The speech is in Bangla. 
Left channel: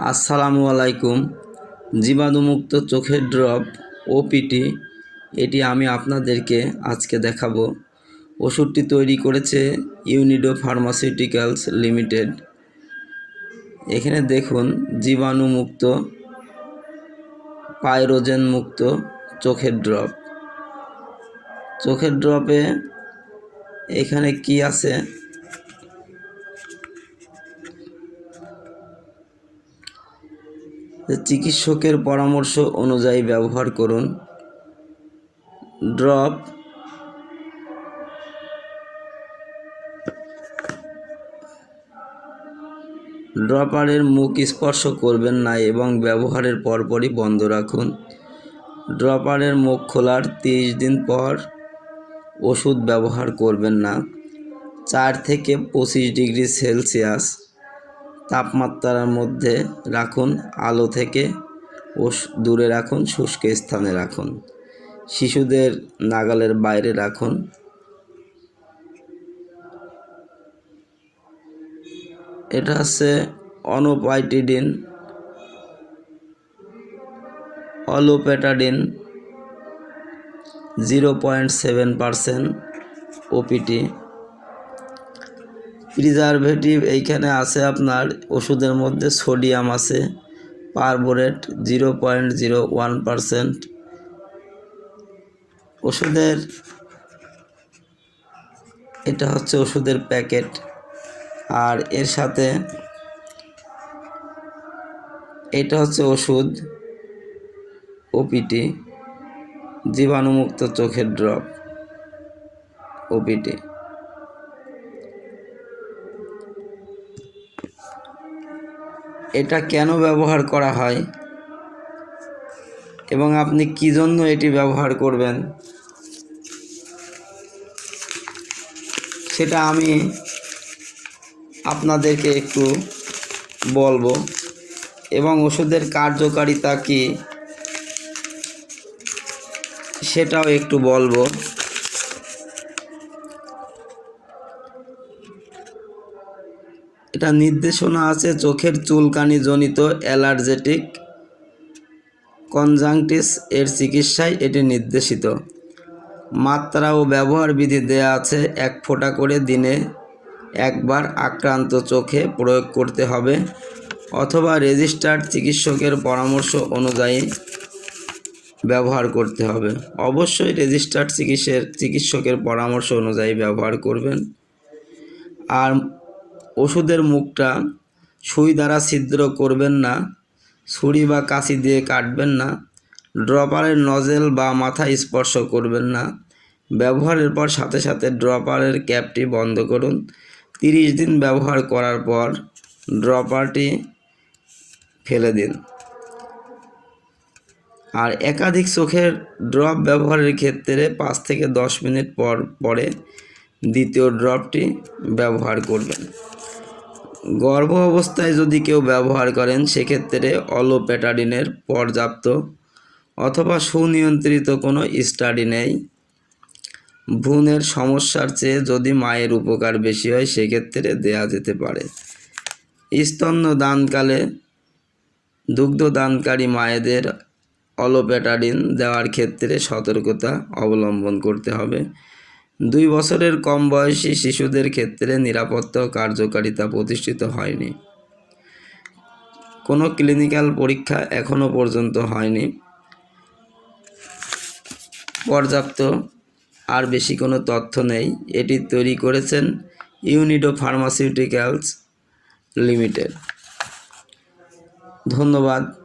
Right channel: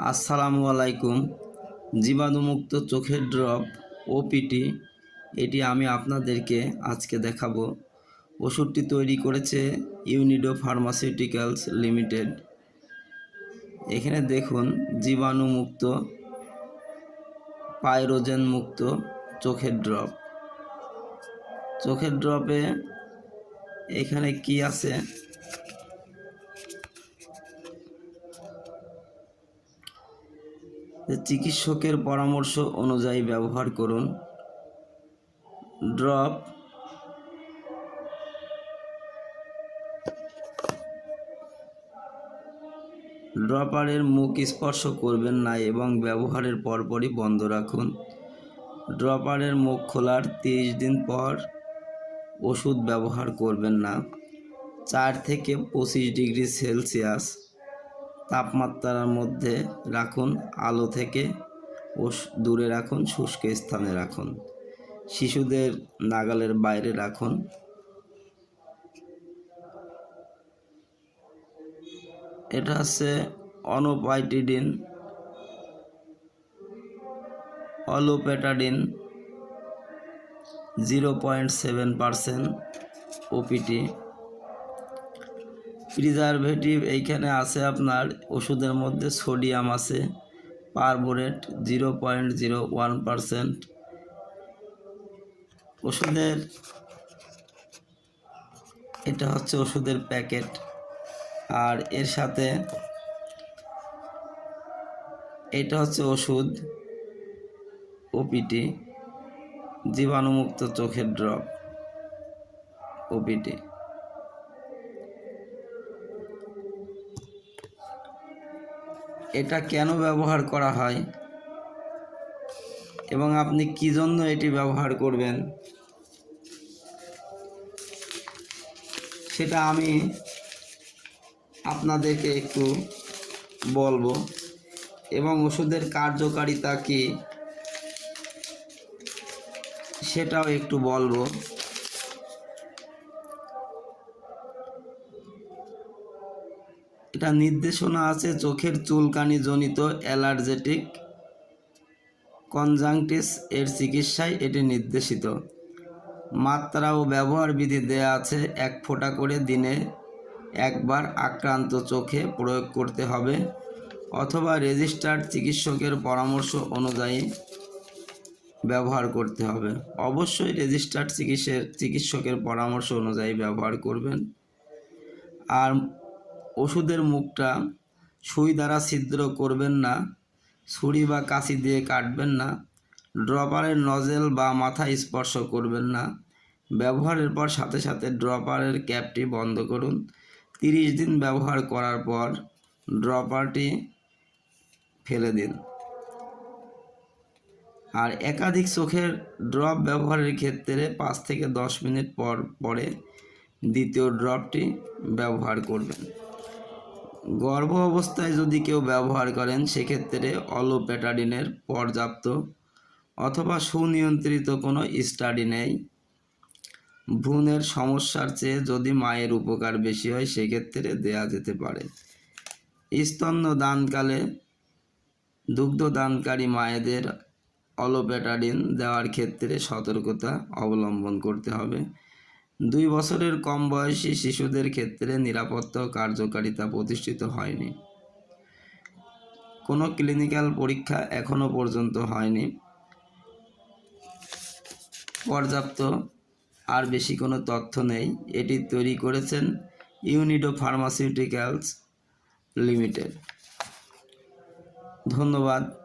আসসালামু আলাইকুম। জীবাণুমুক্ত চোখের ড্রপ, ওপিটি, এটি আমি আপনাদেরকে আজকে দেখাবো। ওষুধটি তৈরি করেছে ইউনিডো ফার্মাসিউটিক্যালস লিমিটেড। এখানে দেখুন, জীবাণুমুক্ত পাইরোজেন মুক্ত চোখের ড্রপ। চোখের ড্রপে এখানে কি আছে? চিকিৎসকের পরামর্শ অনুযায়ী ব্যবহার করুন। ড্রপ। ড্রপারের মুখ স্পর্শ করবেন না এবং ব্যবহারের পরপরই বন্ধ রাখুন। ড্রপারের মুখ খোলার তিরিশ দিন পর ওষুধ ব্যবহার করবেন না। চার থেকে পঁচিশ ডিগ্রি সেলসিয়াস। তাপমাত্রার মধ্যে রাখুন, আলো থেকে ও দূরে রাখুন, শুষ্ক স্থানে রাখুন। শিশুদের নাগালের বাইরে রাখুন। এটা হচ্ছে অনোপাইটিডিন olopatadine zero point seven percent OPT. Preservative এইখানে আছে আপনার ওষুধের মধ্যে সোডিয়াম আছে, perborate zero point zero one percent. ওষুধের, এটা হচ্ছে ওষুধের প্যাকেট। আর এর সাথে এটা হচ্ছে ওষুধ ওপিটি, জীবাণুমুক্ত চোখের ড্রপ ওপিটি। এটা কেন ব্যবহার করা হয়? এবং আপনি কি জন্য এটি ব্যবহার করবেন? সেটা আমি আপনাদেরকে একটু বলব। এবং ওষুধের কার্যকারিতা কি? সেটাও একটু বলব। এটা নির্দেশনা আছে, চোখের চুলকানি জনিত অ্যালার্জেটিক কনজাংটিস এর চিকিৎসায় এটি নির্দেশিত। মাত্রা ও ব্যবহার বিধি দেয়া আছে, এক ফোঁটা করে দিনে একবার আক্রান্ত চোখে প্রয়োগ করতে হবে অথবা রেজিস্টার্ড চিকিৎসকের পরামর্শ অনুযায়ী ব্যবহার করতে হবে। অবশ্যই রেজিস্টার্ড চিকিৎসের, চিকিৎসকের পরামর্শ অনুযায়ী ব্যবহার করবেন। আর ওষুধের মুখটা সুই দ্বারা ছিদ্র করবেন না, ছুরি বা কাঁচি দিয়ে কাটবেন না, ড্রপারের নজেল বা মাথা স্পর্শ করবেন না। ব্যবহারের পর সাথে সাথে ড্রপারের ক্যাপটি বন্ধ করুন। তিরিশ দিন ব্যবহার করার পর ড্রপারটি ফেলে দিন। আর একাধিক চোখের ড্রপ ব্যবহারের ক্ষেত্রে পাঁচ থেকে দশ মিনিট পর পরে দ্বিতীয় ড্রপটি ব্যবহার করবেন। গর্ভ অবস্থায় যদি কেউ ব্যবহার করেন, সেক্ষেত্রে অলোপেটাডিনের পর্যাপ্ত অথবা সুনিয়ন্ত্রিত কোনো স্টাডি নেই। ভ্রূণের সমস্যার চেয়ে যদি মায়ের উপকার বেশি হয়, সেক্ষেত্রে দেয়া যেতে পারে। স্তন্য দানকালে দুগ্ধ দানকারী মায়েদের অলোপেটাডিন দেওয়ার ক্ষেত্রে সতর্কতা অবলম্বন করতে হবে। দুই বছরের কম বয়সী শিশুদের ক্ষেত্রে নিরাপত্তা কার্যকারিতা প্রতিষ্ঠিত হয়নি। কোনো ক্লিনিক্যাল পরীক্ষা এখনও পর্যন্ত হয়নি। পর্যাপ্ত আর বেশি কোনো তথ্য নেই। এটি তৈরি করেছেন ইউনিডো ফার্মাসিউটিক্যালস লিমিটেড। ধন্যবাদ।